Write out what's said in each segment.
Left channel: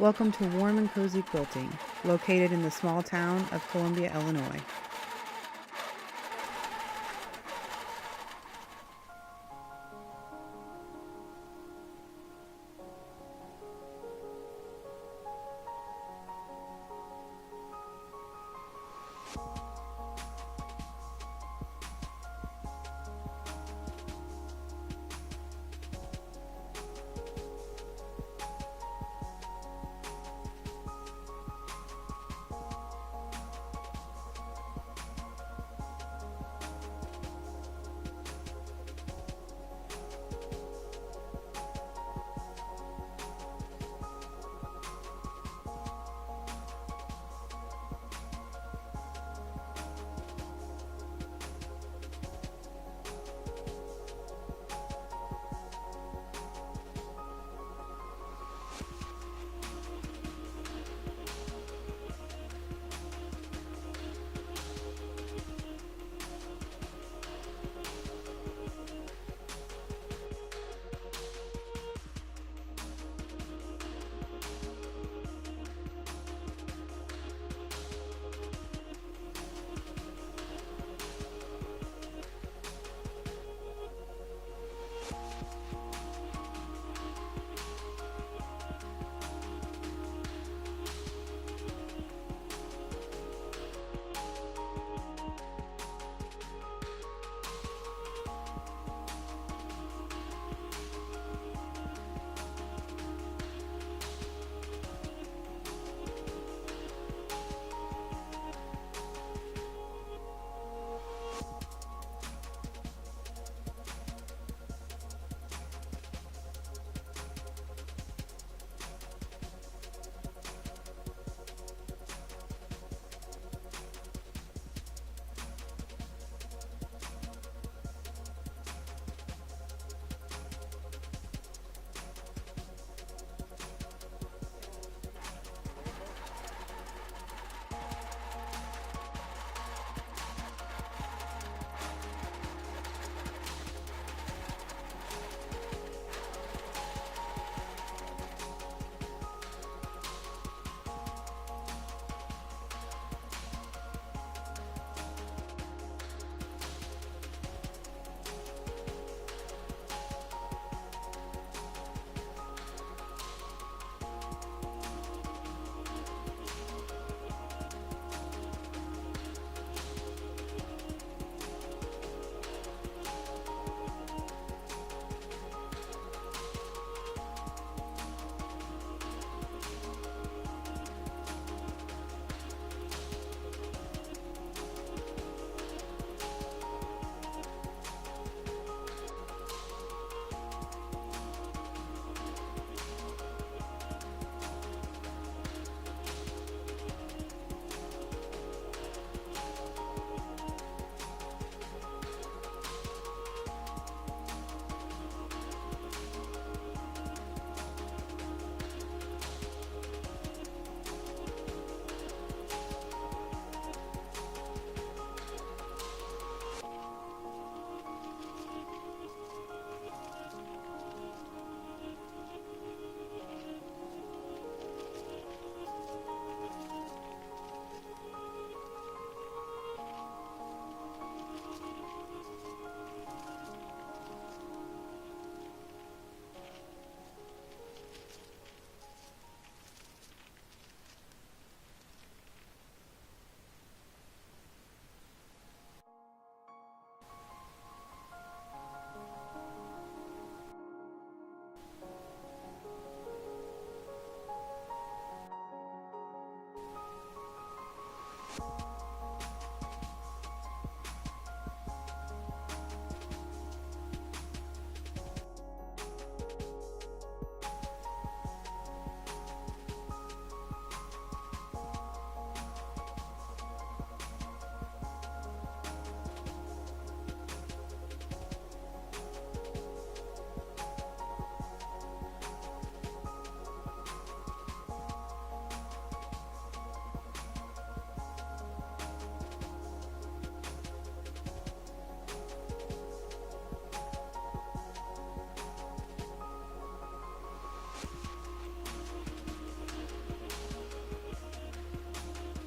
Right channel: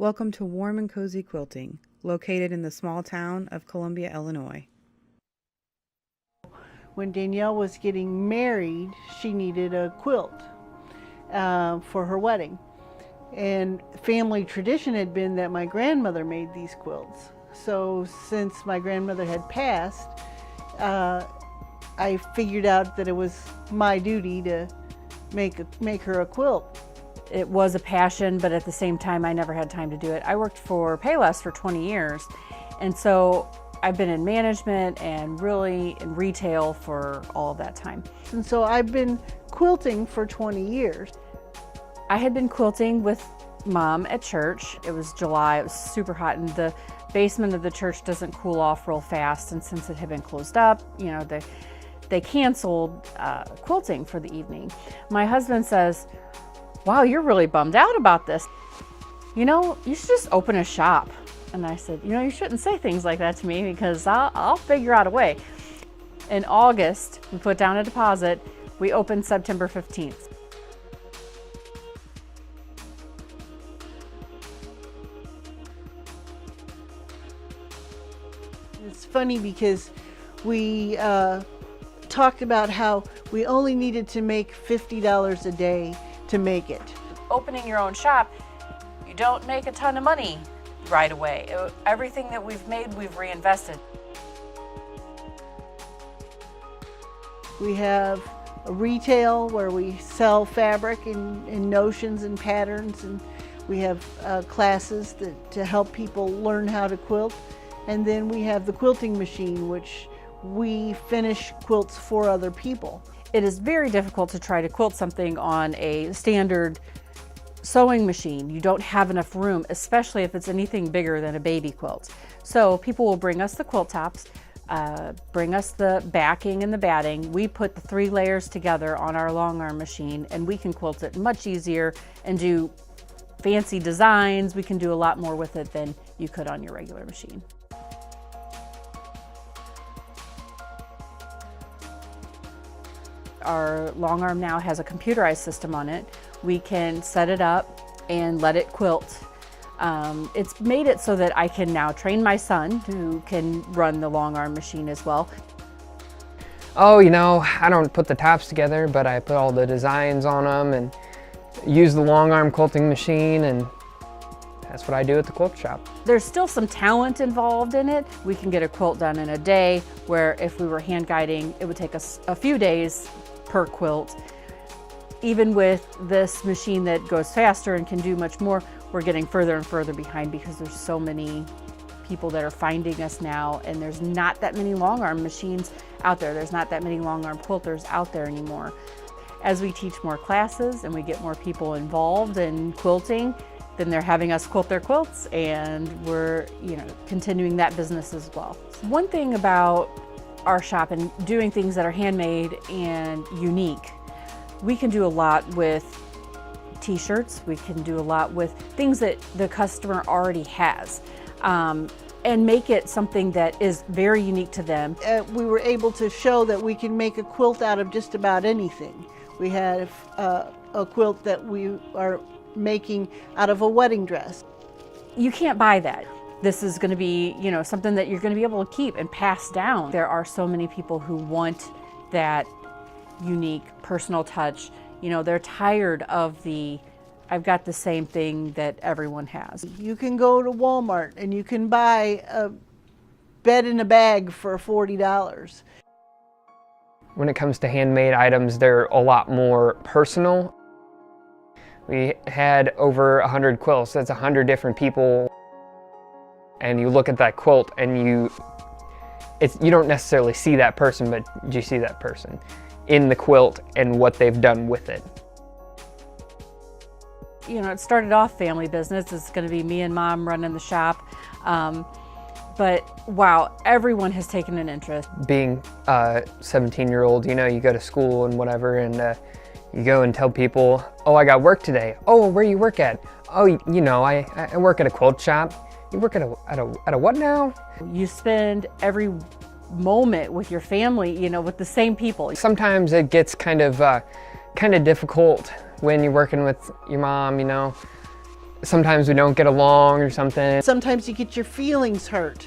Welcome to Warm and Cozy Quilting, located in the small town of Columbia, Illinois. When Danielle was getting married, she needed a quilt for her wedding. And family tradition had been that my grandmother made these quilts. So since my grandmother had passed, I figured out that it was my duty to make her a quilt. It was a passion, but at the same time, I never had time to do it. I worked for Payless for 20 years, and so I've been in management and really in retail for all of that time. And so I've been quilting for 20 years. I had been quilting with Mom at church. It was July, it was super hot, and the basement of the church doesn't cool off real fast, and since it had been closed up, they canceled quilting for the evening. My husband says, "Wow, you're really bummed out about this. You should just open a shop." And I said, "You shouldn't say things like that to me because I'll figure out a way." In August, we put down a deposit. We opened September 15th. It's funny because we talked about how we only needed to make $50 a day to make it. Opening your own shop, you don't make a ton of money right away. Everything that we've made, we've reinvested. We have a retail where we sell fabric in notions and patterns, and we have classes to help people learn how to quilt. And then we have the quilting machine, which we finish quilts for other people. It is very difficult to try to quilt something on a standard sewing machine. You don't have enough room, especially if it's anything bigger than a baby quilt. So people will bring us the quilt tops, bring us the backing and the batting. We put the 3 layers together on our long arm machine, and we can quilt it much easier and do fancy designs. We can do a lot more with it than you could on your regular machine. Our long arm now has a computerized system on it. We can set it up and let it quilt. It's made it so that I can now train my son, who can run the long arm machine as well. Oh, I don't put the tops together, but I put all the designs on them and use the long arm quilting machine, and that's what I do at the quilt shop. There's still some talent involved in it. We can get a quilt done in a day, where if we were hand guiding, it would take us a few days per quilt. Even with this machine that goes faster and can do much more, we're getting further and further behind because there's so many people that are finding us now, and there's not that many long arm machines out there. There's not that many long arm quilters out there anymore. As we teach more classes and we get more people involved in quilting, then they're having us quilt their quilts, and we're continuing that business as well. One thing about our shop and doing things that are handmade and unique, we can do a lot with t-shirts. We can do a lot with things that the customer already has, and make it something that is very unique to them. We were able to show that we can make a quilt out of just about anything. We have a quilt that we are making out of a wedding dress. You can't buy that. This is going to be, something that you're going to be able to keep and pass down. There are so many people who want that unique personal touch. They're tired of I've got the same thing that everyone has. You can go to Walmart and you can buy a bed in a bag for $40. When it comes to handmade items, they're a lot more personal. We had over 100 quilts. That's 100 different people. And you look at that quilt and you don't necessarily see that person, but you see that person in the quilt and what they've done with it. It started off family business. It's going to be me and Mom running the shop. But wow, everyone has taken an interest. Being a 17-year-old, you go to school and whatever, and you go and tell people, "Oh, I got work today." "Oh, where do you work at?" "Oh, I work at a quilt shop." "You work at a what now?" You spend every moment with your family, with the same people. Sometimes it gets kind of difficult when you're working with your mom, Sometimes we don't get along or something. Sometimes you get your feelings hurt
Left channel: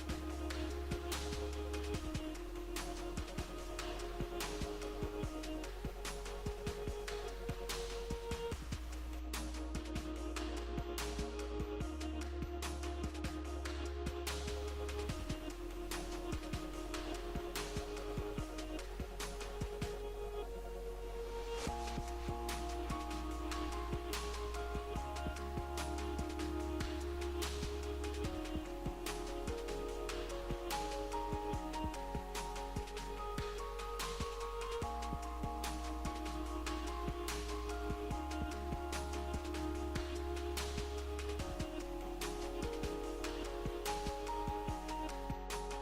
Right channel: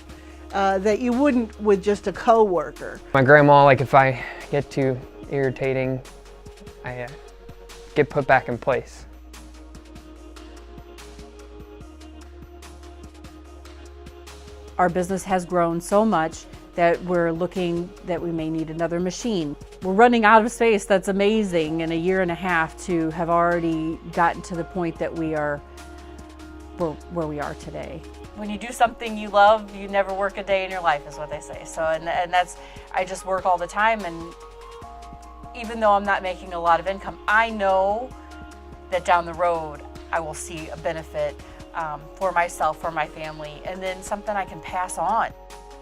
that you wouldn't with just a coworker. My grandma, like if I get too irritating, I get put back in place. Our business has grown so much that we're looking that we may need another machine. We're running out of space. That's amazing in a year and a half to have already gotten to the point that we are where we are today. When you do something you love, you never work a day in your life, is what they say. So, and that's, I just work all the time, and even though I'm not making a lot of income, I know that down the road I will see a benefit for myself, for my family, and then something I can pass on.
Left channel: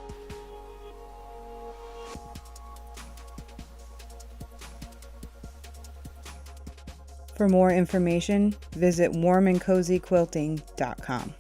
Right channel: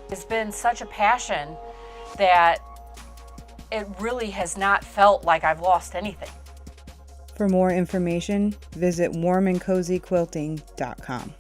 It's been such a passion that it really has not felt like I've lost anything. For more information, visit warmandcozyquilting.com.